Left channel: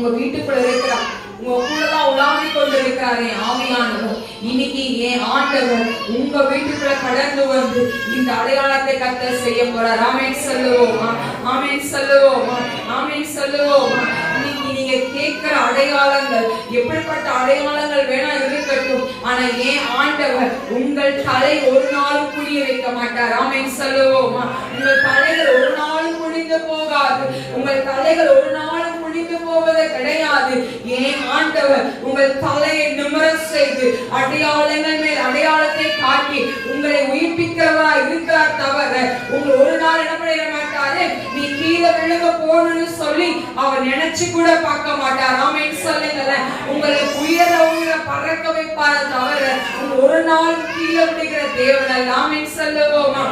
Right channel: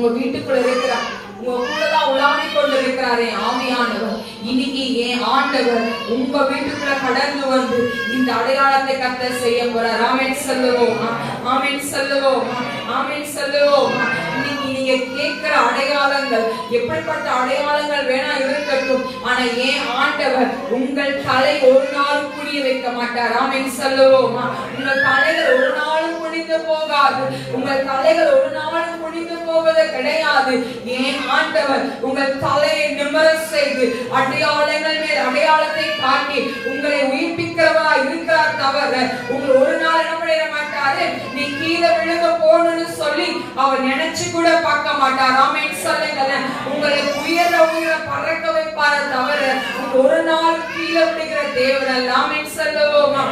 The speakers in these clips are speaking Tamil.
உங்க வீட்டுக்குள்ள இருக்கிறார், உங்க கூடதான் உலாவி கொண்டு இருக்கிறாரே ஆவியானவர். இன்னைக்கு என் ஆண்டவர் உங்க வீட்டுக்குள்ள கடந்து வந்து இந்த அடையாளத்தை கர்த்தர் செய்ய போறார். ஆமென் சொல்லுவோமா? ஆமென் சொல்லுவோமா? ஆமென் சொல்லுவோமா? இன்னைக்கு நீங்க கேட்கிற அடையாளங்கள் எப்படிப்பட்ட அடையாளங்கள் வேணா இருக்கட்டும், ஆனா என் ஆண்டவர் உங்கள் தலை ஒரு நாளும் குனிய வைக்க மாட்டார். ஆமென் சொல்லுவோமா? உங்கள் தலைகள் ஒரு நாளும் குனிந்து போகாது. உங்கள் தலைகள் ஒரு நாளும் குனிந்து போவது கிடையாது. ஏன் ஆண்டவர் உங்கள் தலையை நிமிர செய்து அடையாளங்கள் மேல் அடையாளத்தை காட்டி உங்களை உயிர்ப்பிக்கிறவரா இருக்கிறார். தவிர உங்க ஒரு நாள் என்ன பண்ணிட மாட்டாரு, நீ கீழே விழுக போகணும்னு சொல்லி அவர் நினைச்சு கூட பார்க்க மாட்டார். ஆமென் சொல்லுங்களேன். உங்களை உயர உயர பறக்க வைப்பார தவிர உங்க ஒரு நாள் கீழே விழுகிற தேவன் அல்ல. ஆமென் சொல்லுவோமா?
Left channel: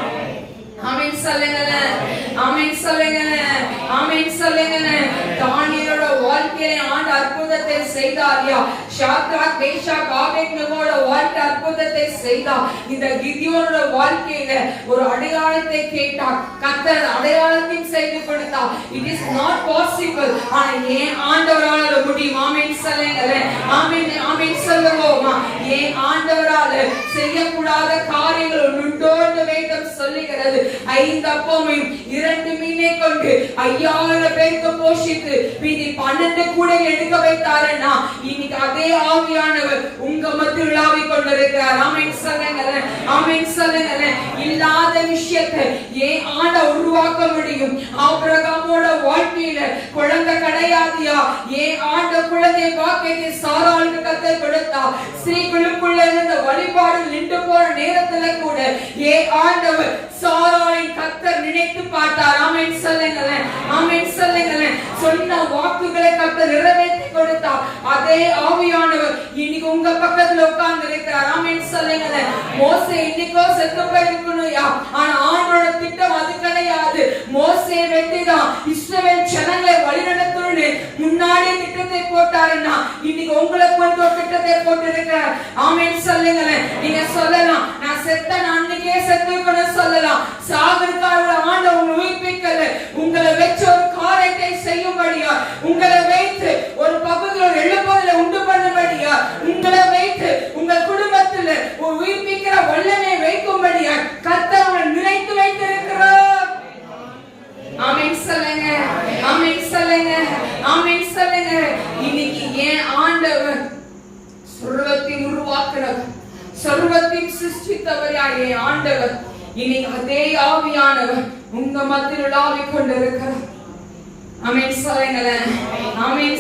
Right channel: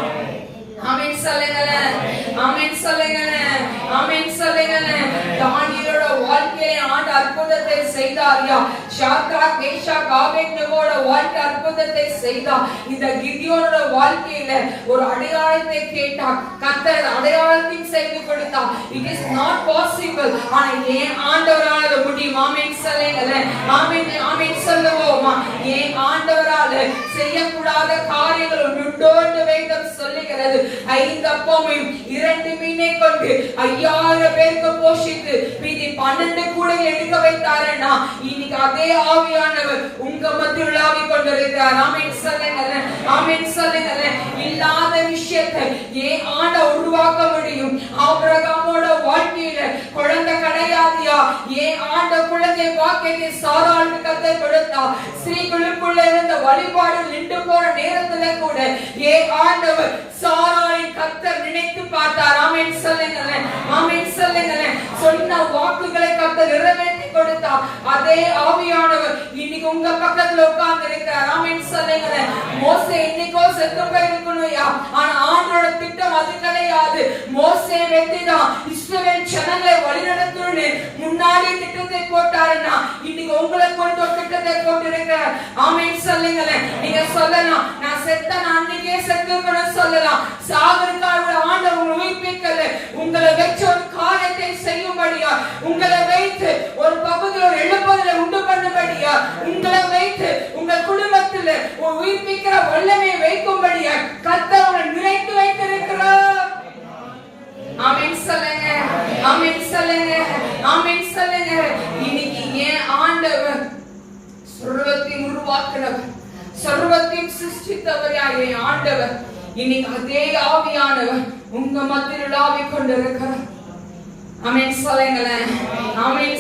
ஆமென் சொல்லுங்களேன். ஆமென் சொல்லுங்களேன். ஆமென் சொல்லுங்களேன். தானியேலோட வாழ்க்கையில ஆண்டு அற்புதத்தை செய்தார்யா. ஷாத்ராக் மேஷாக் ஆபேத்நேகோட வாழ்க்கை அற்புதத்தை செய்தார். இந்த கிதியோனோட வாழ்க்கையில ஒரு அடையாளத்தை கேட்டார், கர்த்தர் அடையாளத்தையும் செய்து கொடுத்தார். It is not possible, ஆனா ஏன் ஆண்டவரால அது முடியும். ஆமென் சொல்லுங்களேன். ஆமென் ஆமென் சொல்லுவோமா? ஏன் ஆண்டவரால செய்யக்கூடாத காரியங்கள் உண்டோ என்று வேதம் சொல்லுகிறது. 5 அப்பமும் 2 மீனை கொண்டு 5000 பேருக்கு போஷித்து மீதி 12 கூட எடுக்க வைத்தாரனா, இன்னைக்கு அதே ஆவியானவர் உங்க மத்தியில் உலாவி கொண்டிருக்கிறார். ஆமென் சொல்லுங்களேன். ஆமென் சொல்லுங்களேன். இல்லாத விஷயத்தை ஏன் ஆண்ட உருவாக்க முடியும். ஆபிரகாமோட வாழ்க்கையில குழந்தை கிடையாதியா, ஏன் ஆண்ட குழந்தை வாக்கியத்தை சாராளுக்கு கர்த்தர் கொடுத்தார். ஸ்திரீகளுக்குள்ள இருந்த வழிபாடு நின்று போற நேரத்துல கூட ஏன் ஆண்டவர் சாராளின் கர்த்தர் நினைத்து பார்த்தார். ஆமென் சொல்லுங்களேன். ஆமென் சொல்லுங்களேன். சொன்ன வாக்குகளை கர்த்தர் நிறைவேற்றி கொடுத்தார். அதே ஆவியானவர் இன்னைக்கு உங்க பக்கத்துல உட்கார்ந்து இருக்கிறார். ஆமென் சொல்லுங்களேன். மோசே இன்னைக்கோ செத்து போயிருக்கணும்யா, ஆனா ஆண்டோட திட்டம் அது கிடையாது. மோசே வெட்டிதான் இஸ்ரவேல் ஜனங்களை வழிநடத்தணும்னு முன்னாடி திட்டத்தை போட்டாருன்னா இன்னைக்கு உங்களை கொண்டு ஒரு திட்டத்தை போட்டு இருக்கிறார். ஆமென் சொல்லுங்களேன். நீங்க சொல்லலாம், நான் செத்த நான் அன்னைக்கே செத்து இருக்கணும்னு சொல்லலாம். சாகருக்காக ஆண்டவர் உங்களை உயிர்ப்பிக்கல, உங்களை வச்சு ஒரு காரியத்தை செய்யும்படியா, உங்களை வைத்து ஒரு பகுதியில் ஒரு எழுப்புதலை உண்டு பண்ணும்படியா, உங்களை வைத்து உங்கள் குடும்பத்தில் ஒரு உயிர்ப்பிக்கிற வல்லமையை வைக்கும்படியா கர்த்தர் உங்களை நினைத்து வைத்திருக்கிறார். ஆமென் சொல்லுங்க. ஆமென் சொல்லுங்க. ஆமென் சொல்லுங்க. இன்னைக்கு ஏன் ஆண்டவர் சர்வத்தையும் உருவாக்குறவர், சர்வத்தையும் சிருஷ்டித்தவரா என் ஆண்டவர் இன்னைக்கு அதே ஆவியானவர் உங்க மத்தியில் உலாவிக் கொண்டிருக்கிறார். ஆமென் சொல்லுங்களேன். ஆமென்.